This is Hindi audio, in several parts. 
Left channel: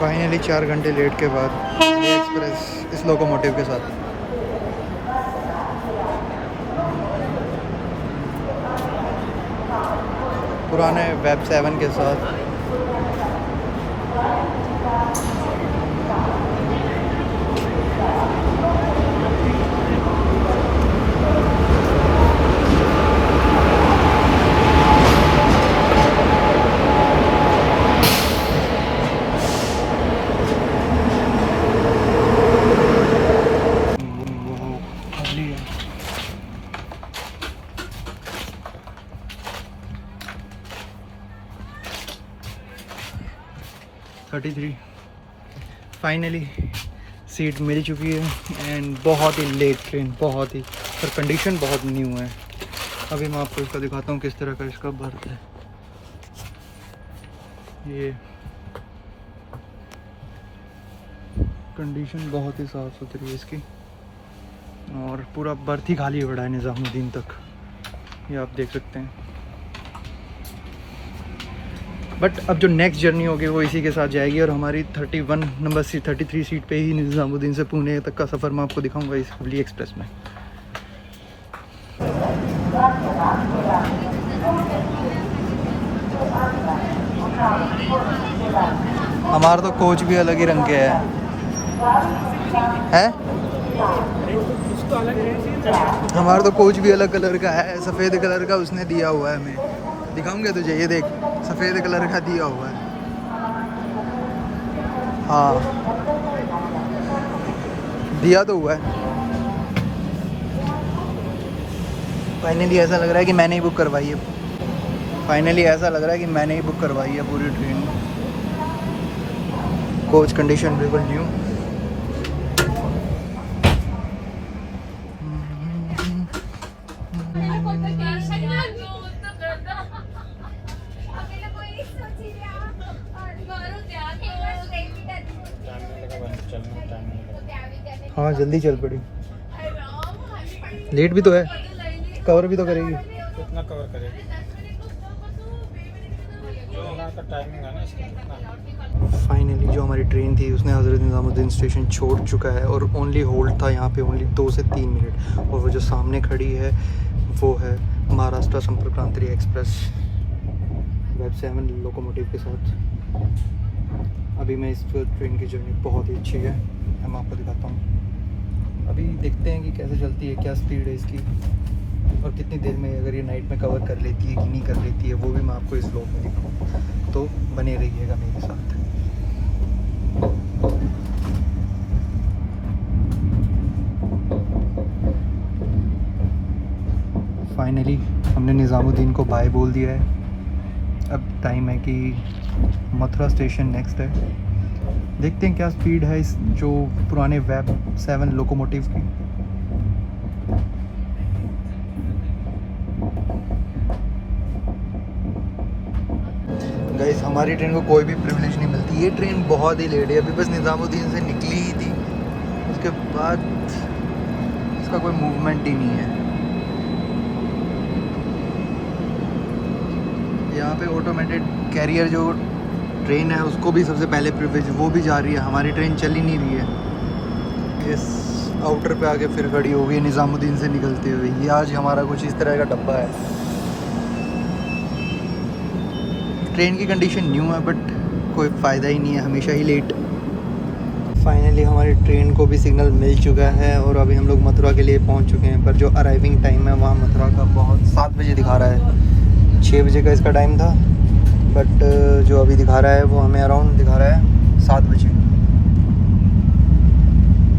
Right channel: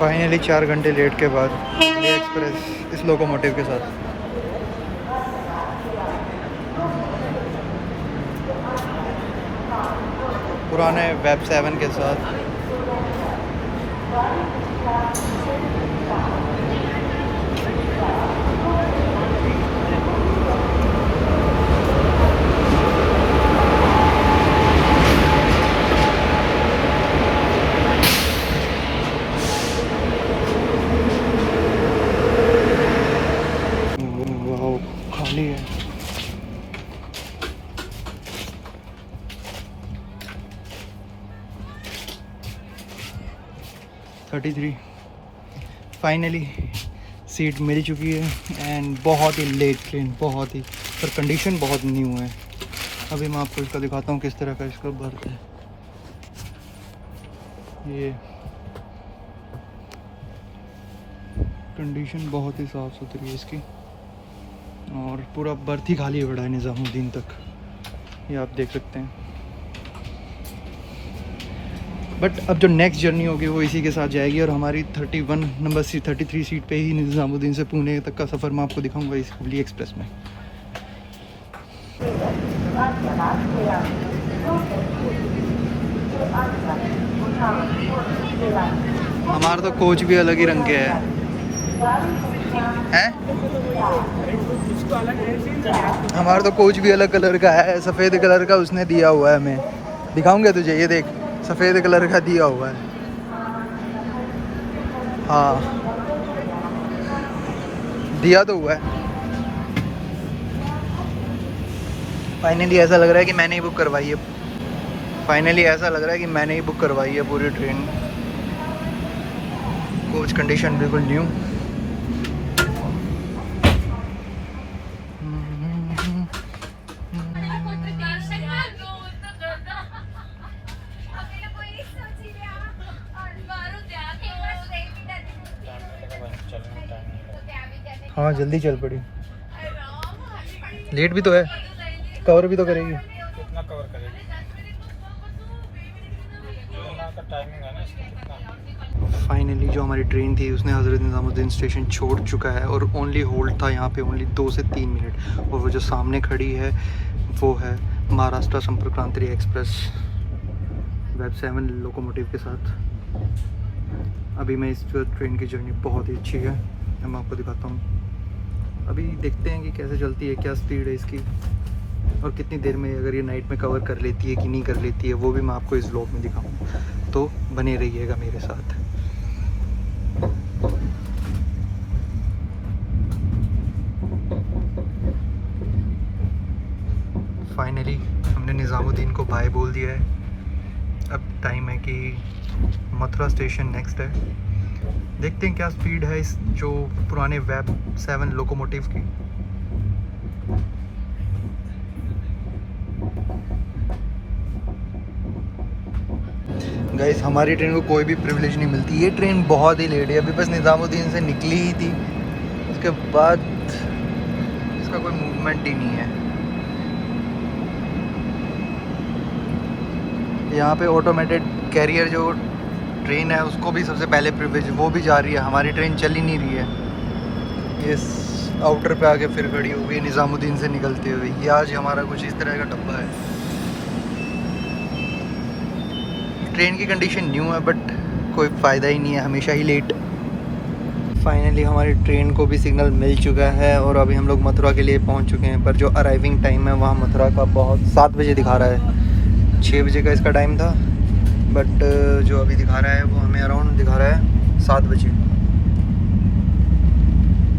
फाइनली 4 घंटे लेट के बाद दिल्ली एक्सप्रेस इस लोकोमोटिव के साथ। पुराने वेब 7 के साथ। वो खाली है। फाइनली सीट मिल चुकी है एंड बहुत ही लेट ट्रेन, बहुत ही, पर कंडीशन बहुत न्यू है। अभी मैं आपको इसका दिखाता हूँ किस तरह का इसका बर्थ है। ये कंडीशन बहुत ही साफ़ सुथरी है इसकी, और पूरा बर्थ ही खाली पड़ा है निज़ामुद्दीन तक, ये आप देख सकते हैं। बट अब जो नेक्स्ट जर्नी होगी वो इसी के साथ जाएगी, और हमारी 31 नंबर सीट 33 सीट पे ही निज़ामुद्दीन से पुणे तक का सफ़र मैं आपको दिखाऊंगा इस दिल्ली एक्सप्रेस में। हमारा तो कोच भी अलग ही रंग के है? हमारा तो कोच भी अलग कलर का है, सफ़ेद कलर का उसने दिया हुआ है हमें। दिखाऊंगा तुझे, ये देख, सफ़ेद कलर का दिया हुआ है। हाँ, दिया तो हुआ है। फाइनली ऐसा लग रहा है कि मैंने ही बुक करवाई है। फाइनली ऐसा लग रहा है कि मैंने ही बुक करवाई है पूरी ट्रेन। कोच कंडीशन बिल्कुल न्यू। हाँ जल्दी चल पड़ी, लेट भी तो है, कवर भी तो करेगी। कितना कवर करेगी? जो हमारा टाइमिंग है ना इसका। फाइनली जो हमारी ट्रेन थी उसने हज़रत निज़ामुद्दीन स्टेशन छोड़ चुका है, और ओनली होल्ड था यहाँ पे ओनली 2 से 3 मिनट। और वो जो सामने खड़ी है वो है महाराष्ट्र संपर्क क्रांति एक्सप्रेस वेब 7 लोकोमोटिव के साथ। अभी मैं इस ट्रेन की जर्नी बहुत ही अच्छी है, मैं आपको दिखाता हूँ। अभी देखते हैं कि कैसे चलती है, क्या स्पीड है इसकी, और कितनी देर में अगर ये नाइट में कवर कर लेती है कि नहीं कर लेती है, वो भी मैं आपको इस व्लॉग में दिखाऊँ। तो बने रहिएगा मेरे साथ। फाइनली हमने निज़ामुद्दीन को बाय बोल दिया है। अब टाइम है कि मथुरा स्टेशन नेक्स्ट है। देखते हैं क्या स्पीड है इस जो पुराने वेब 7 लोकोमोटिव की। गाइस हमारी ट्रेन को कोई भी प्रिविलेज नहीं मिलती, ये ट्रेन बहुत ही लेट है। अभी बस निज़ामुद्दीन से निकली ही थी, उसके बाद इसका कोई मूवमेंट ही नहीं है। यहाँ पे ऑटोमेटेड कैरियर जो ट्रेन है उसको भी सबसे पहले प्रिविलेज, वो भी जा रही है, हमारी ट्रेन चल ही नहीं रही है। ये आउटर पे आके फिर खड़ी हो गई है निज़ामुद्दीन से निकलते हुए। ये आज हमारा कुछ इस तरह का डब्बा है। ट्रेन की कंडीशन न्यू है बट कोई फ़ायदा ही नहीं है, हमेशा ही लेट। फाइनली हमारी ट्रेन को भी सिग्नल मिल चुका है और अभी हम लोग मथुरा के लिए पहुंच चुके हैं। पर जो अराइविंग टाइम है वहाँ मथुरा का बहुत 7 बजे दिखा रहा है, 6 बजे का इसका टाइम था, बट जो अभी दिखा रहा है वो हमें अराउंड दिखा रहा है 7 बजे।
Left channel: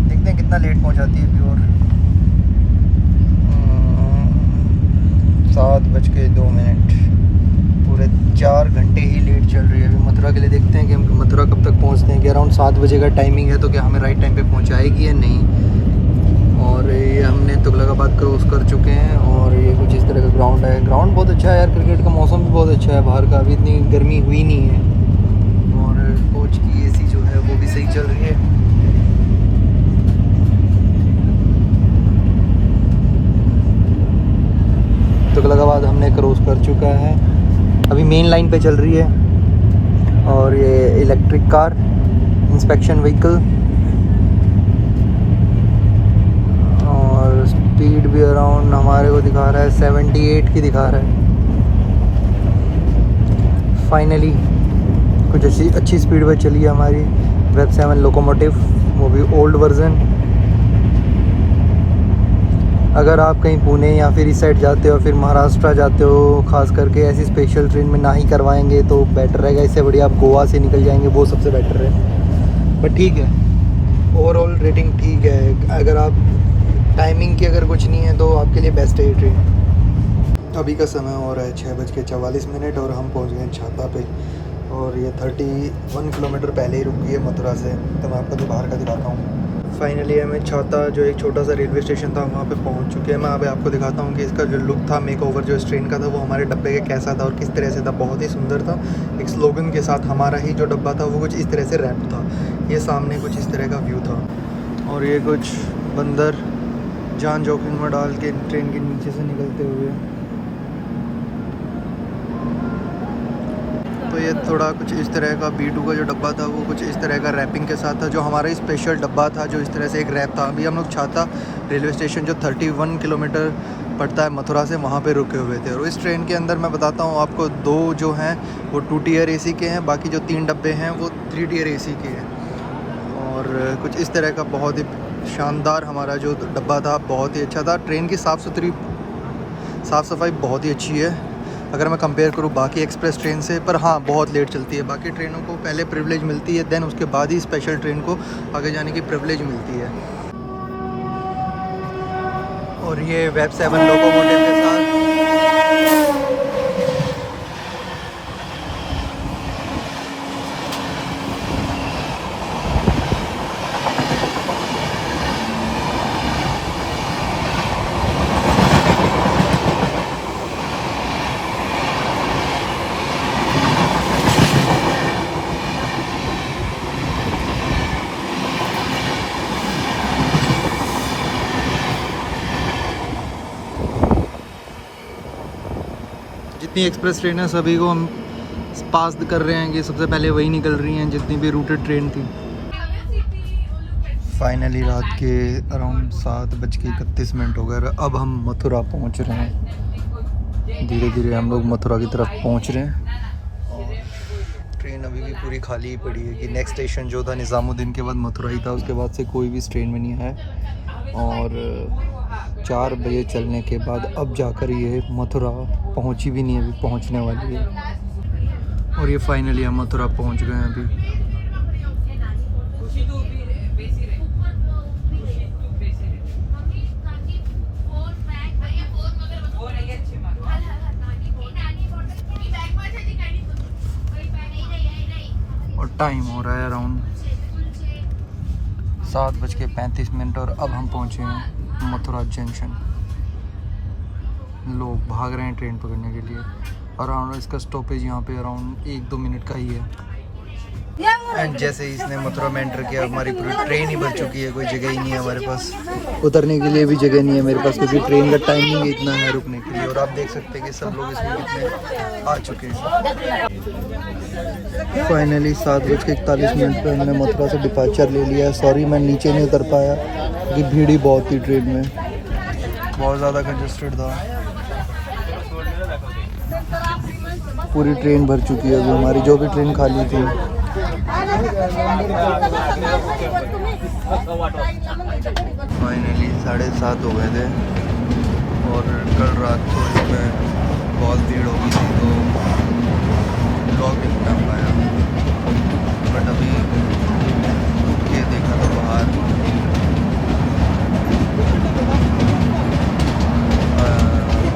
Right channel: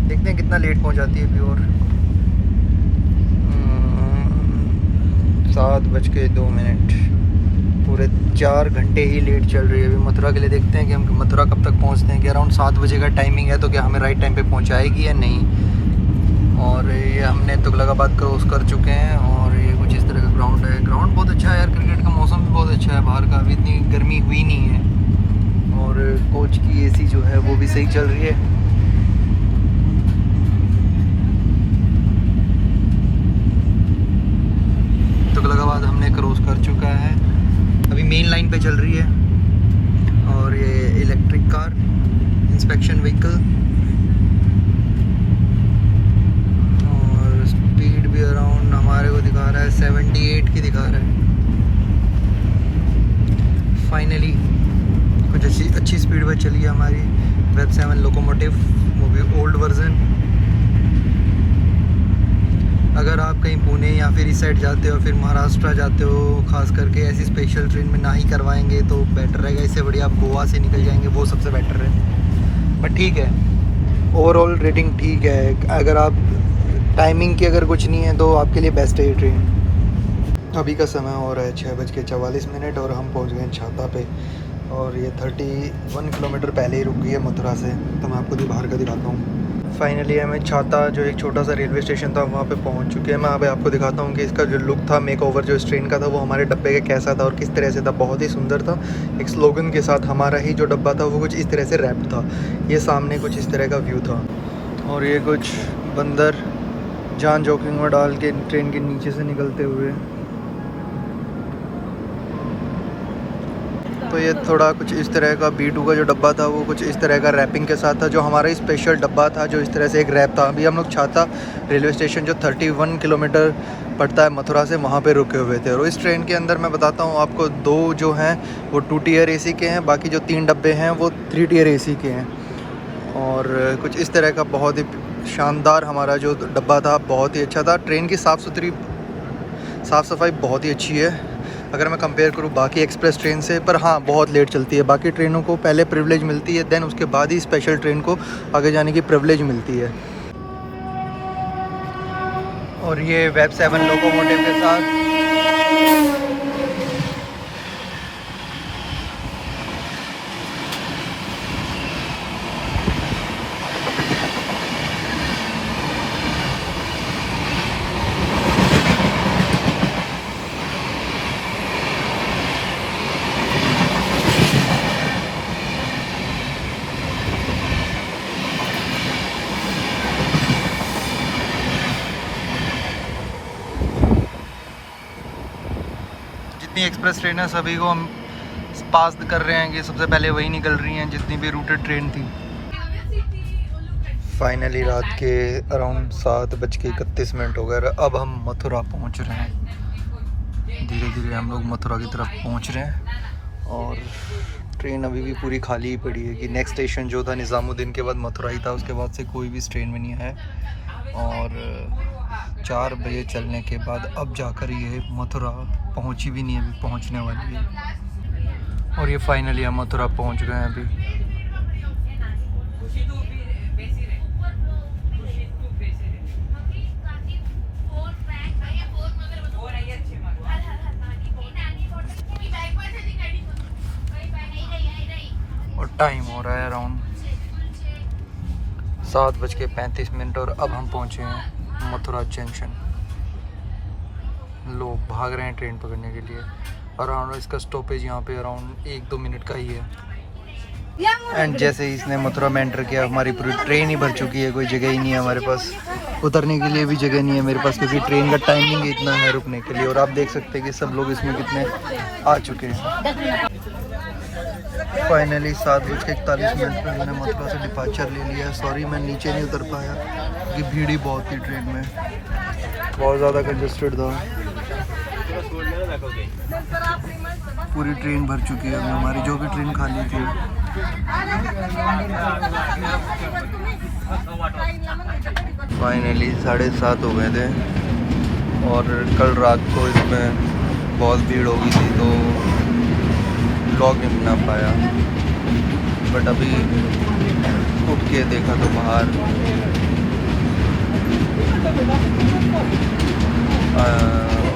देखते हैं कितना लेट पहुंचाती है अभी। और 7:02, पूरे 4 घंटे ही लेट चल रही है अभी मथुरा के लिए। देखते हैं कि हम मथुरा कब तक पहुंचते हैं, कि अराउंड 7 बजे का टाइमिंग है, तो क्या हमें राइट टाइम पे पहुंचाएगी या नहीं। और ये हमने तुगलकाबाद क्रॉस कर चुके हैं, और ये कुछ इस तरह का ग्राउंड है। ग्राउंड बहुत अच्छा है यार, क्रिकेट का मौसम भी बहुत अच्छा है बाहर का, अभी इतनी गर्मी हुई नहीं है। और कोच की एसी जो है वो भी सही चल रही है। तुगलकाबाद हमने क्रॉस कर चुका है, अभी मेन लाइन पे चल रही है। और ये इलेक्ट्रिक कार इंस्पेक्शन व्हीकल और स्पीड भी अराउंड हमारे को दिखा रहा है 78 की दिखा रहा है। फाइनली कुछ अच्छी स्पीड पर चली है हमारी वेब 7 लोकोमोटिव, वो भी ओल्ड वर्जन। अगर आप कहीं पुणे या फिर इस साइड जाते हो, फिर महाराष्ट्र जाते हो, ख़ास करके ऐसी स्पेशल ट्रेन में ना ही करवाएंगे तो बेटर रहेगा। इससे बढ़िया आप गोवा से निकल जाएंगे, वो सबसे बेटर है। बट ठीक है, ओवरऑल रेटिंग ठीक है। अगर आप टाइमिंग की अगर कुछ नहीं है तो आपके लिए बेस्ट है ये ट्रेन। अभी का समय हो रहा है 6:44 और हम पहुंच गए हैं छाता पे। और ये 31 किलोमीटर पहले ही रुक गई है मथुरा से, तो मैं आपको बाहर का दिखाता हूँ। फाइनली हमें छाता, जो एक छोटा सा रेलवे स्टेशन था, वहाँ पे पहुँच चुके हैं। मैं अभी आपको दिखाता हूँ कि इसका जो लुक था, मेक ओवर जो इस ट्रेन का था, वो हमारे डब्बे का कैसा था और किस तरह से था। बहुत ही सुंदर था। एक स्लोगन के साथ हमारा ही जो डब्बा था वो कुछ इस तरह से रैप था। ये सामने कुछ इस तरह का व्यू था और ये कुछ बंदर जान जोखिम में डाल के ट्रेन के नीचे से निकलते हुए। तो ये थोड़ा कुछ इस तरह का B2 का जो डब्बा था वो कुछ इस तरह का रैपिंग के साथ था, जो हमारा ही स्पेशल डब्बा था, जो इस तरह से एक रैप था। अभी हम लोग छाता रेलवे स्टेशन जो 31 किलोमीटर पड़ता है मथुरा से, वहाँ पे रुके हुए थे। और इस ट्रेन के अंदर मैं बताता हूँ आपको, 2 जो हैं वो 2 टियर AC के हैं, बाकी जो 3 डब्बे हैं वो 3 टियर AC के हैं। और कुछ इस तरह का बहुत ही शानदार हमारा जो डब्बा था, बहुत ही अच्छा था। ट्रेन की साफ़ सफाई बहुत ही अच्छी है अगर मैं कंपेयर करूँ बाकी एक्सप्रेस ट्रेन से। पर हाँ, बहुत लेट चलती है। बाकी ट्रेनों को पहले प्रिविलेज मिलती है, देन उसके बाद ही स्पेशल ट्रेन को आगे जाने की प्रिविलेज मिलती है। और ये वेब 7 लोकोमोटिव के साथ जितनी एक्सप्रेस ट्रेन है सभी को हम पास कर रहे हैं कि सबसे पहले वही निकल रही हैं, जितनी भी रूटेड ट्रेन थी। फाइनली रात के अराउंड 7:31 हो गए। अब हम मथुरा पहुंच रहे हैं। धीरे धीरे हम लोग मथुरा की तरफ पहुंच रहे हैं और ट्रेन अभी भी पूरी खाली ही पड़ी है। कि नेक्स्ट स्टेशन जो था निज़ामुद्दीन के बाद मथुरा ही था, उसके बाद से कोई भी ट्रेन में नहीं आया। और 4 बजे चलने के बाद अब जाकर ये मथुरा पहुंची भी नहीं, अभी पहुंचने वाली है। और ये फाइनली हम मथुरा पहुंच गए हैं अभी। और टाइम हो रहा है अराउंड 7:35 और अब हम पहुंचे हैं मथुरा जंक्शन। लोग भाग रहे हैं ट्रेन पकड़ने के लिए। अराउंड इसका स्टॉपेज यहाँ पे अराउंड 1-2 मिनट का ही है। एंड जैसे ही इसने मथुरा में एंटर किया, हमारी पूरी ट्रेन ही भर चुकी है। कोई जगह ही नहीं है हमारे पास, उतरने के लिए भी जगह नहीं है मेरे पास, क्योंकि ट्रेन का टाइमिंग इतना है रुकने के लिए। और आप देख सकते हैं कि सब लोग इसमें कितने आ चुके हैं। फाइनली 7:41 पे हमने मथुरा से डिपार्चर ले लिया है। सॉरी मैं नीचे नहीं उतर पाया क्योंकि भीड़ ही बहुत थी ट्रेन में, बहुत ज़्यादा कंजस्टेड था। पूरी ट्रेन भर चुकी है अभी हमारी, जो भी ट्रेन खाली थी। फाइनली 7:30 हो गए थे और कल रात को इसमें बहुत भीड़ हो गई थी तो व्लॉग नहीं बना पाया। बट अभी उठ के देखा तो बाहर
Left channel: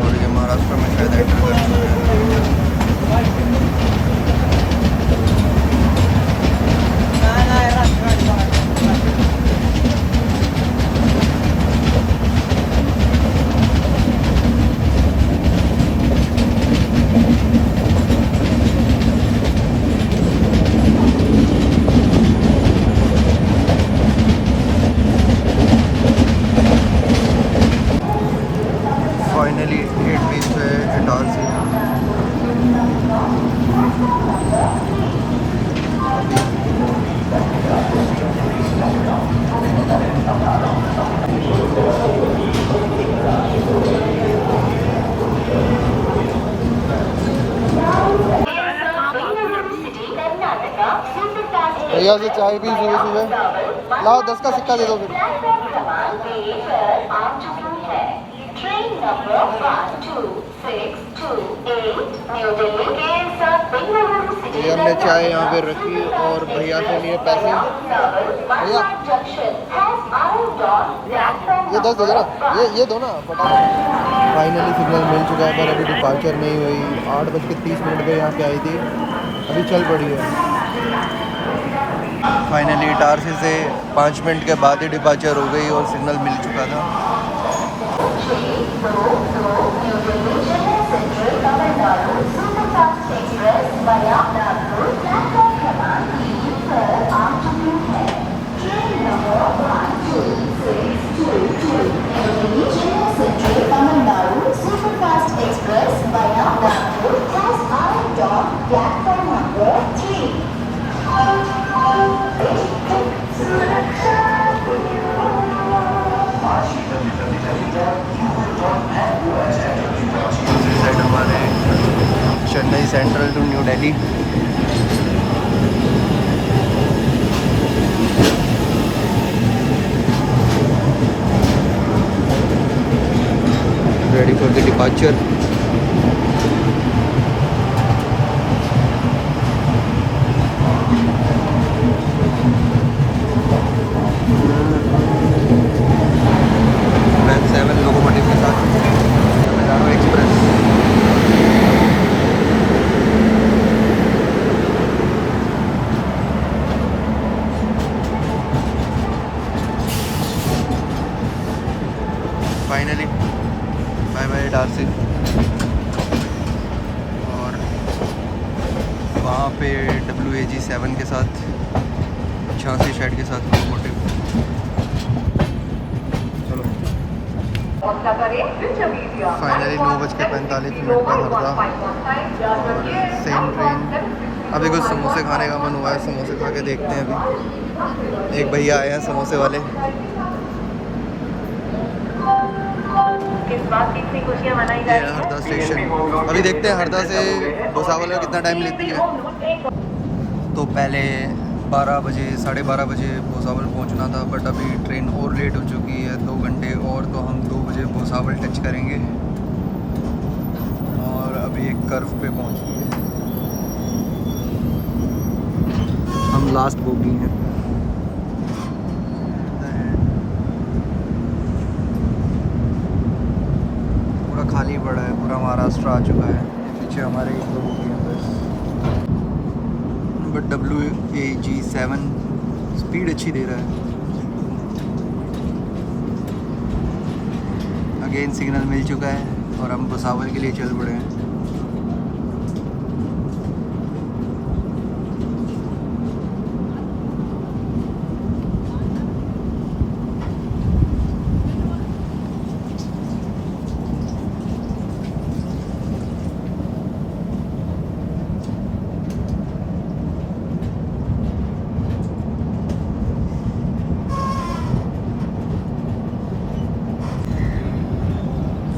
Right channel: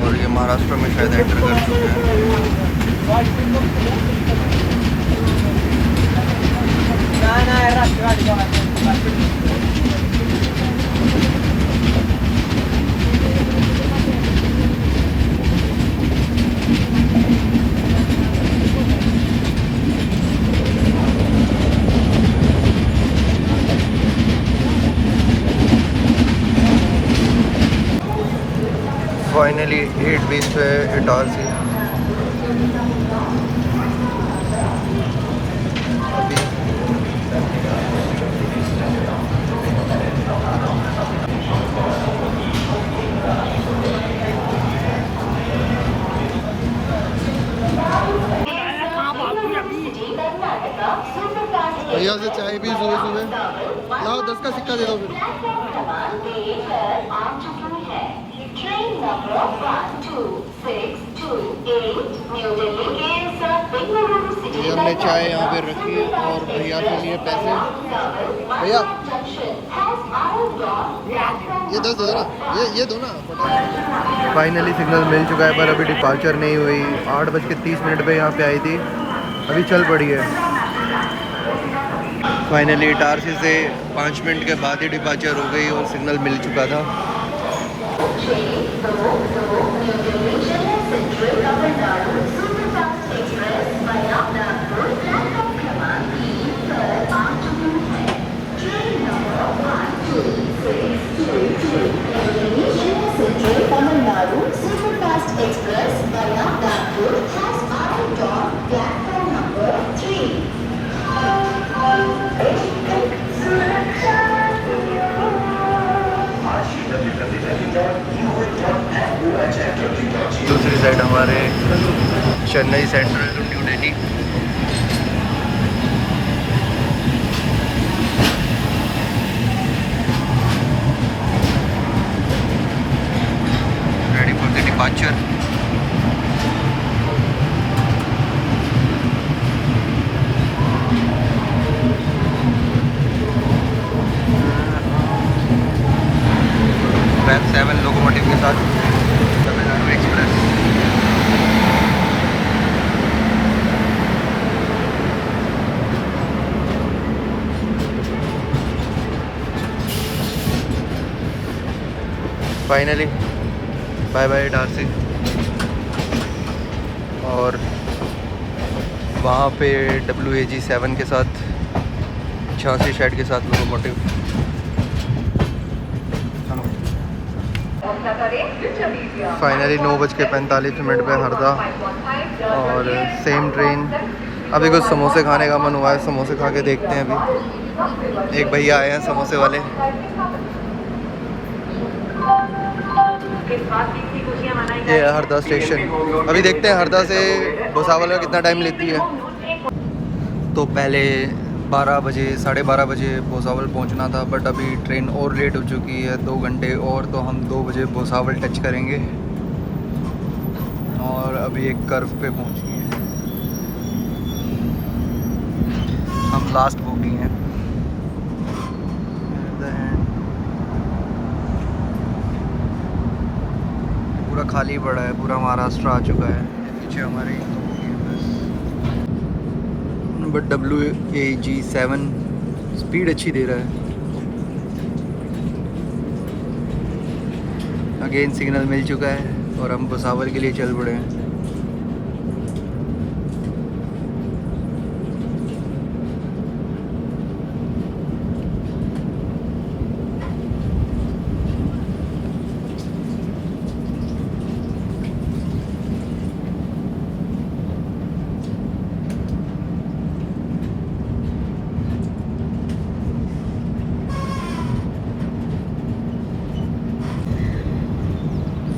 और ये महाराष्ट्र में शायद एंटर कर चुके हैं। फाइनली 8:20 पे इटारसी। अभी भैया से चाय भी सुबह सुबह। लाओ 10 का सिक्का दे दो फिर। ये हमने चाय यहाँ पे रखी और भैया से लिए पैसे। भैया ये 10 दो ना, ये दो ना फटाफट। फाइनली सिग्नल मिल चुका है पर अभी डिपार्चर नहीं हुई। 8:30 पे यहाँ पे आई थी, अभी चल पड़ी है। फाइनली इटारसी से 5 मिनट के बाद ही डिपार्चर हो गई और सिग्नल मिल चुका था। दूसरी साइड हमारे Chennai central to new Delhi. Ready for the departure. वैन 7 लोकोमोटिव के साथ Tamil Nadu express. Finally bye bye Itarsi. और वहाँ पे WAG7 के साथ 86 शेड के साथ लोकोमोटिव। फाइनली 9:45 पे हरदा और सेम ट्रेन। अभी कुछ समोसे खाने का मन हुआ है, समोसे खा के देखते हैं। अभी एक भैया आए हैं समोसे वाले। ये है हरदा स्टेशन। अभी देखते हैं हरदा से भुसावल में कितना टाइम लेती है। तो पहले 12 बजे 12:30 बजे भुसावल पहुंचना था, बट अभी ट्रेन और लेट हो चुकी है 2 घंटे और। तो हम 2 बजे भुसावल टच करेंगे और अभी एक कर्व पे पहुंच गए हैं। हम लास्ट बोगी हैं। पूरा खाली पड़ा है, पूरा महाराष्ट्र आ चुका है। पीछे हमारे एक दो बोगी हैं बस। बट WAG7 स्पीड अच्छी दे रहा है। अगेन सिग्नल मिल चुका है और हम भुसावल के लिए चल पड़े हैं।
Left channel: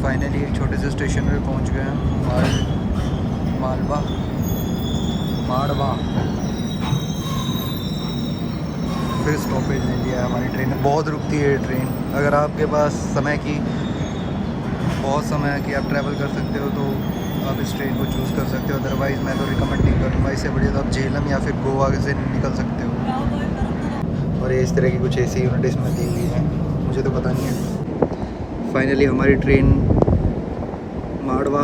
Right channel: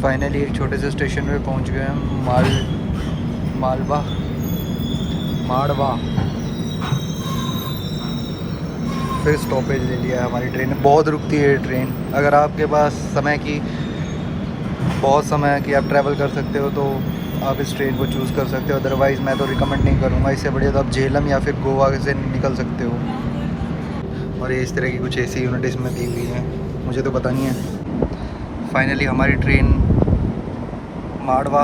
फाइनली एक छोटे से स्टेशन पे पहुंच गए हम। माड़वा। फिर स्टॉपेज ले लिया है हमारी ट्रेन ने। बहुत रुकती है ट्रेन। अगर आपके पास बहुत समय की आप ट्रैवल कर सकते हो तो आप इस ट्रेन को चूज़ कर सकते हो। अदरवाइज़ मैं तो रिकमेंड नहीं करूँगा। इससे बढ़िया तो आप झेलम या फिर गोवा से निकल सकते हो। और ये इस तरह की कुछ ऐसी यूनिट इसमें दी हुई हैं, मुझे तो पता नहीं है। फाइनली हमारी ट्रेन माड़वा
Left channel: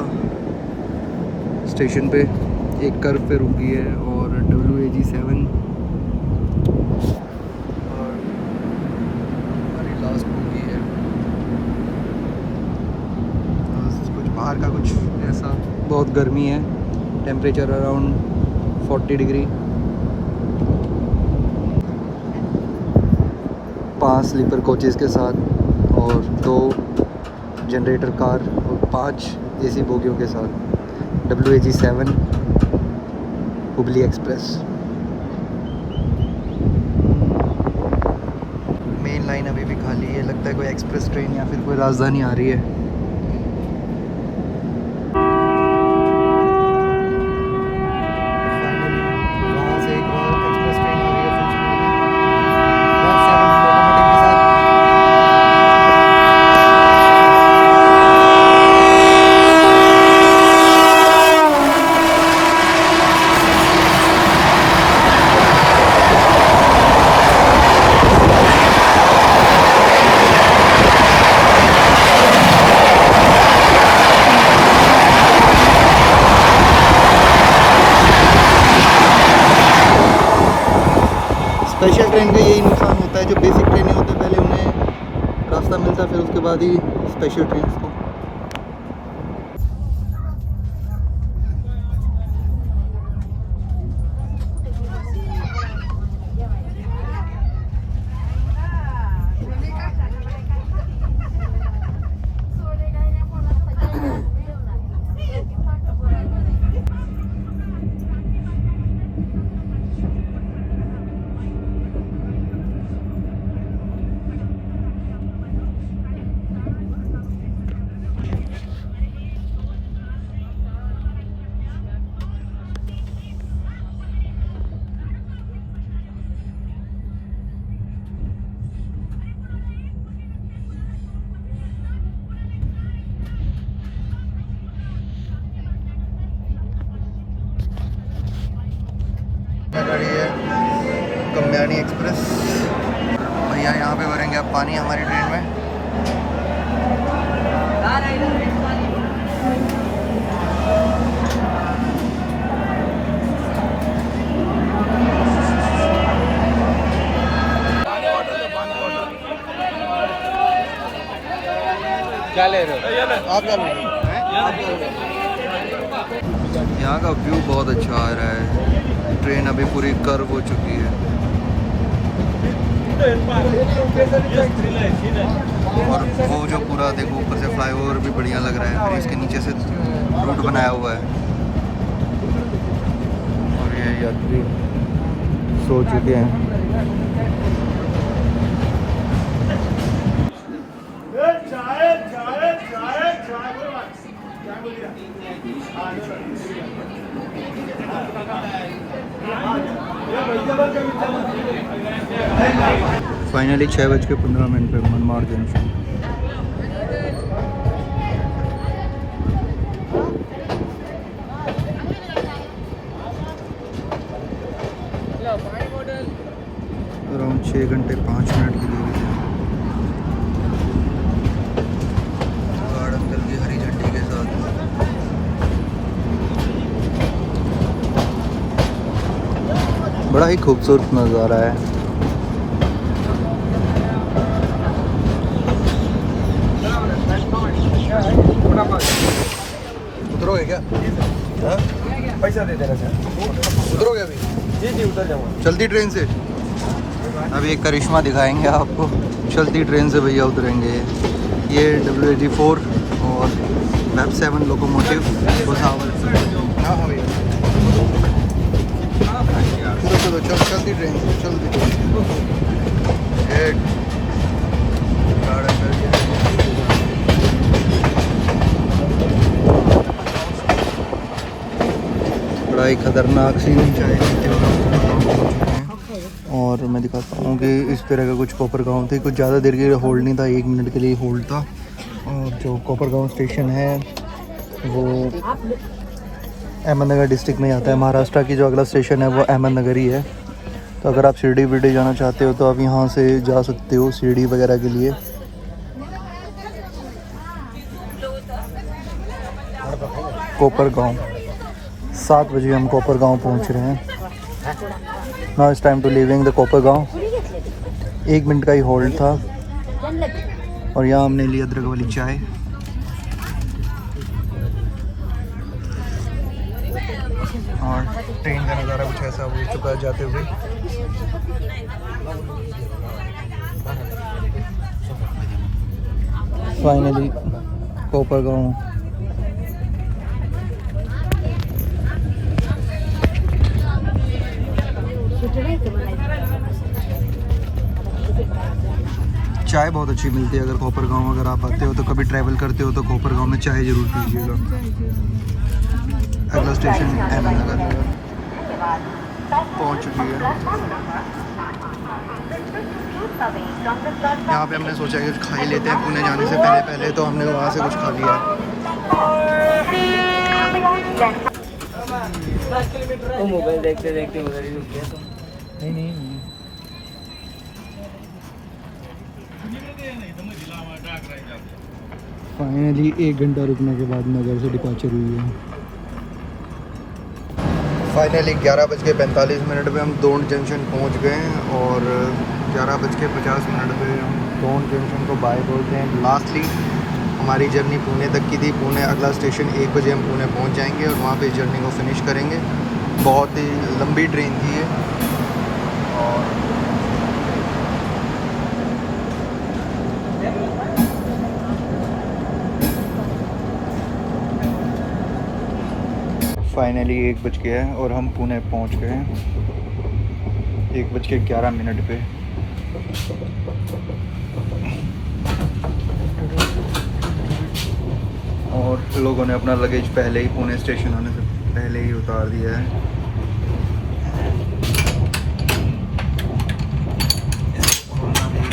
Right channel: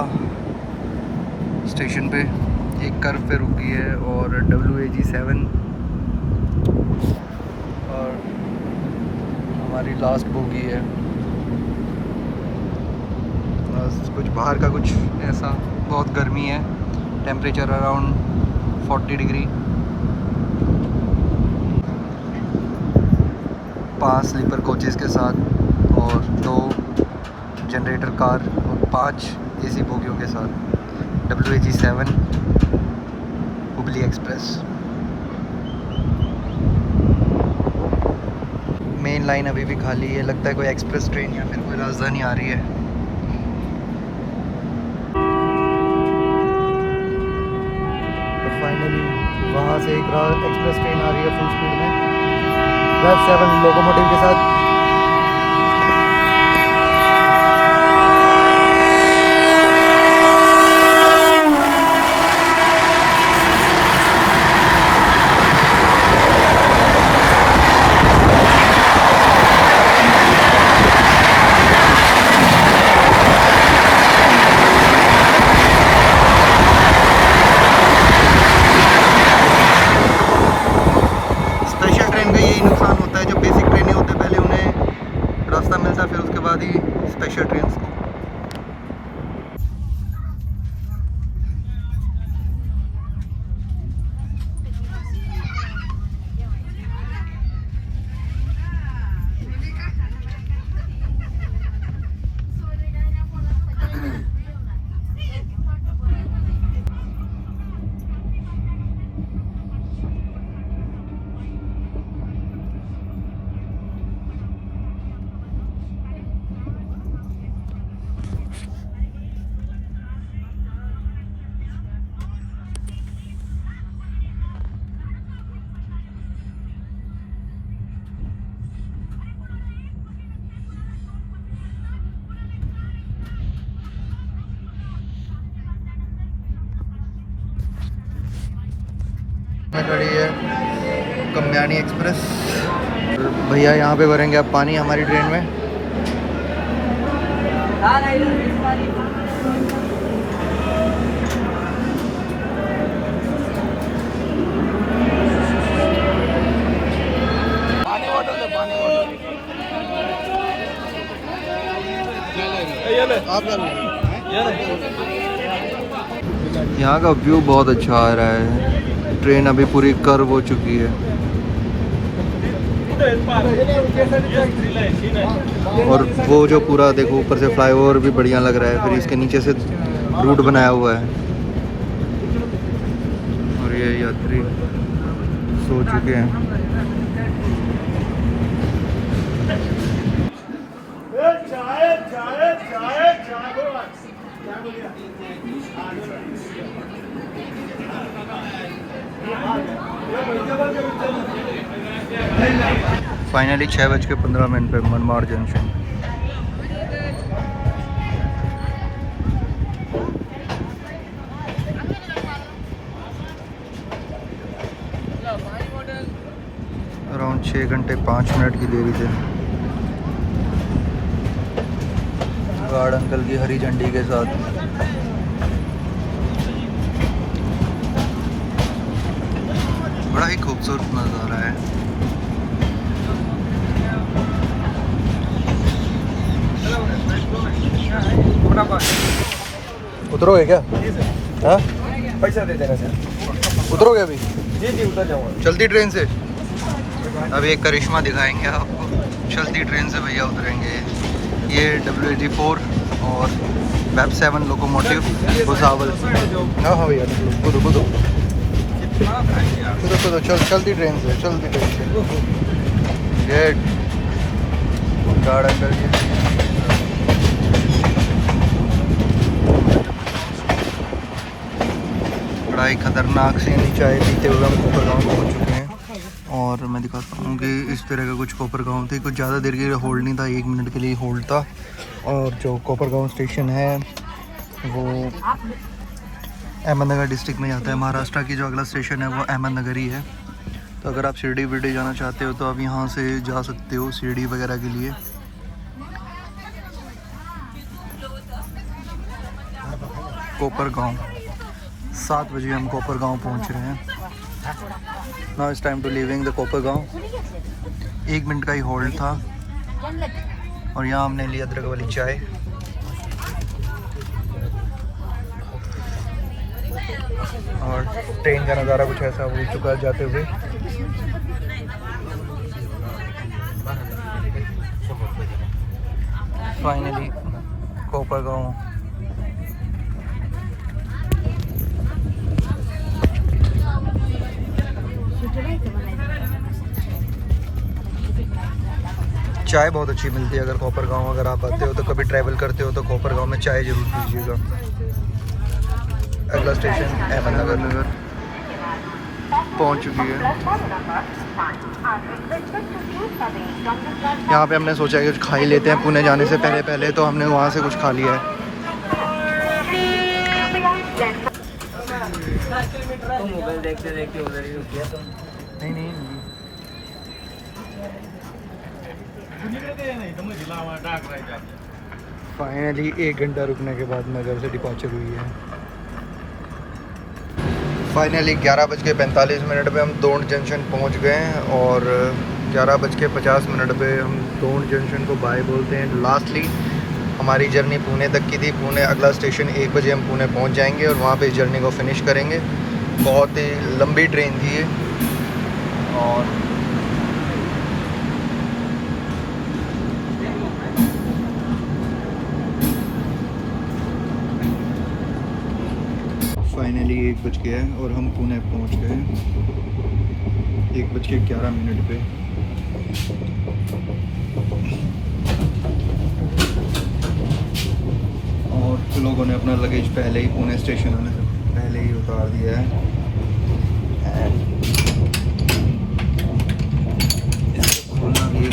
स्टेशन पे एक कर्व पे रुकी है और WAG7 और हमारी लास्ट बोगी है। कुछ बाहर का कुछ ऐसा, बहुत गर्मी है। Temperature around 40 degree. 5 sleeper coaches के साथ और 2 जनरेटर कार और 5 AC बोगियों के साथ WAG7 Hubli express. Main line अभी भी खाली है। लगता है कोई एक्सप्रेस ट्रेन या फिर कोई राजधानी आ रही है। फाइनली वहाँ से एक एक्सप्रेस ट्रेन का यही नुकसान होता है, जो बेसिक ट्रेनें होते हैं पहले उन्हें रास्ता मिलता है, फिर उसके बाद ही स्पेशल ट्रेन को। में खड़ी है कम्यानी एक्सप्रेस। भैया यहाँ पे भरेंगे अब पानी हमारी ट्रेन में। क्या ले रहे हो? आप क्या ले रहे हो? यहाँ का व्यू बहुत अच्छा आ रहा है। ट्रेन अभी पूरी कर्व हो चुकी है और वो जो पूरा देखो ऊपर से फ्लाईओवर भी बढ़िया लग रहा है, फिर इसके नीचे से रूट बनाया हुआ है और ये यात्री सो चुके हैं। फाइनली 6:15 पे मनमाड़ जंक्शन। अराउंड 6 घंटे 5 मिनट की देरी से गार्ड अंकल की हरी झंडी के साथ बड़ा ही खूबसूरत नज़ारा है। उतरोगे क्या? हाँ पैसा दे देना सर। उतरोगे अभी? जी उतर जाओ। चलती ट्रेन से अभी एक करिश्मा दिखाएंगे आपको। चलती ट्रेन से भैया उतरेंगे। ये WAD4 और वेब 7 लोकोमोटिव भुसावल। हाँ हाँ भैया कूदो चलती ट्रेन से गेट गार्ड अंदर के। बड़ा ही खतरनाक सीन चाय पीते हुए हम कोपरगांव पहुँच चुके हैं और मैं दिखाता हूँ कि इस तरह का कुछ कोपरगांव थे। कुछ ज़्यादा देर के लिए होल्ड नहीं था, 1 मिनट के लिए होल्ड था। और जो कोपरगांव स्टेशन है वो अहमदनगर डिस्ट्रिक्ट में आता है। महाराष्ट्र की जो अगला स्टेशन है वो अहमदनगर ही है। तो अगर आप शिरडी विरडी जाना चाहते हो तो आप यहाँ से जा सकते हो शिरडी वगैरह के लिए। कोपरगांव 7 बजे हम कोपरगांव पहुँच रहे हैं। Now it's time to leaving the Kopargaon. 1 minute का ही होल्ड था और यहाँ हमने ली अदरक वाली चाय। और ट्रेन का नज़ारा कुछ ऐसा हो चुका है जाते हुए। फाइनली कोपरगांव। चाय बहुत अच्छी मिलती है। अगर कोपरगांव अगर आप आते हो तो कभी ट्रैवल करते हो तो कोपरगांव में चाय ज़रूर पीजिएगा। अगला स्टेशन अहमदनगर पहुंच चुकी है। यहाँ पे हमने सोचा कि कुछ खा ही लेते हैं पुणे जाने से पहले तो हमने वहाँ से कुछ खा लिया है। मोबाइल देखते देखते उधर ही रुक गया। नहीं फाइनली 1 घंटा रुकने के बाद नगर से डिपार्चर हुई है। फाइनली 11:45 पे हम दोंड जंक्शन पहुंच गए हैं और 11:50 पे हम दोंड जंक्शन को बाय बोलते हैं। लास्टली हमारी जर्नी पुणे तक की थी। पुणे अगला स्टेशन 1 बजे हम पुणे पहुंच जाएंगे और वहां पे इस जर्नी को फिनिश करेंगे। बहुत ही लंबी ट्रेन थी ये। और फाइनली 1 बज गया है और हम पुणे पहुंच गए हैं 1:11 पे। और लोगों ने अपना लगेज पहले ही पुणे स्टेशन होने से पहले ही उतार दिया है। इसको खोलना भी है।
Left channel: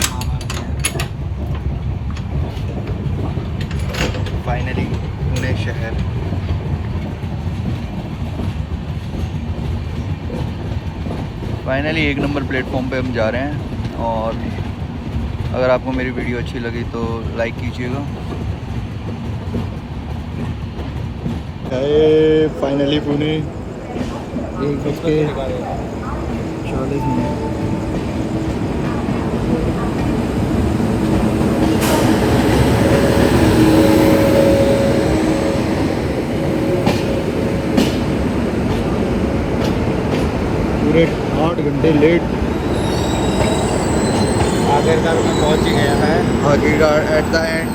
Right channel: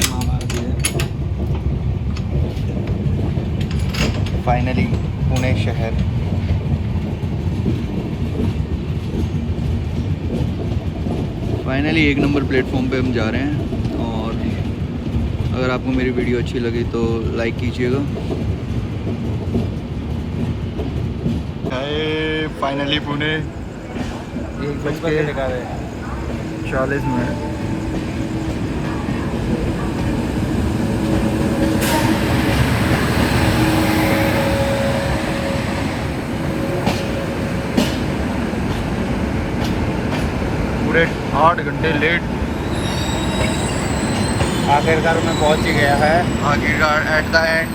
फाइनली पुणे शहर। फाइनली 1 नंबर प्लेटफॉर्म पे हम जा रहे हैं और अगर आपको मेरी वीडियो अच्छी लगी तो लाइक कीजिएगा। फाइनली पुणे 1:40। पूरे 8 घंटे लेट। आखिरकार एट द एंड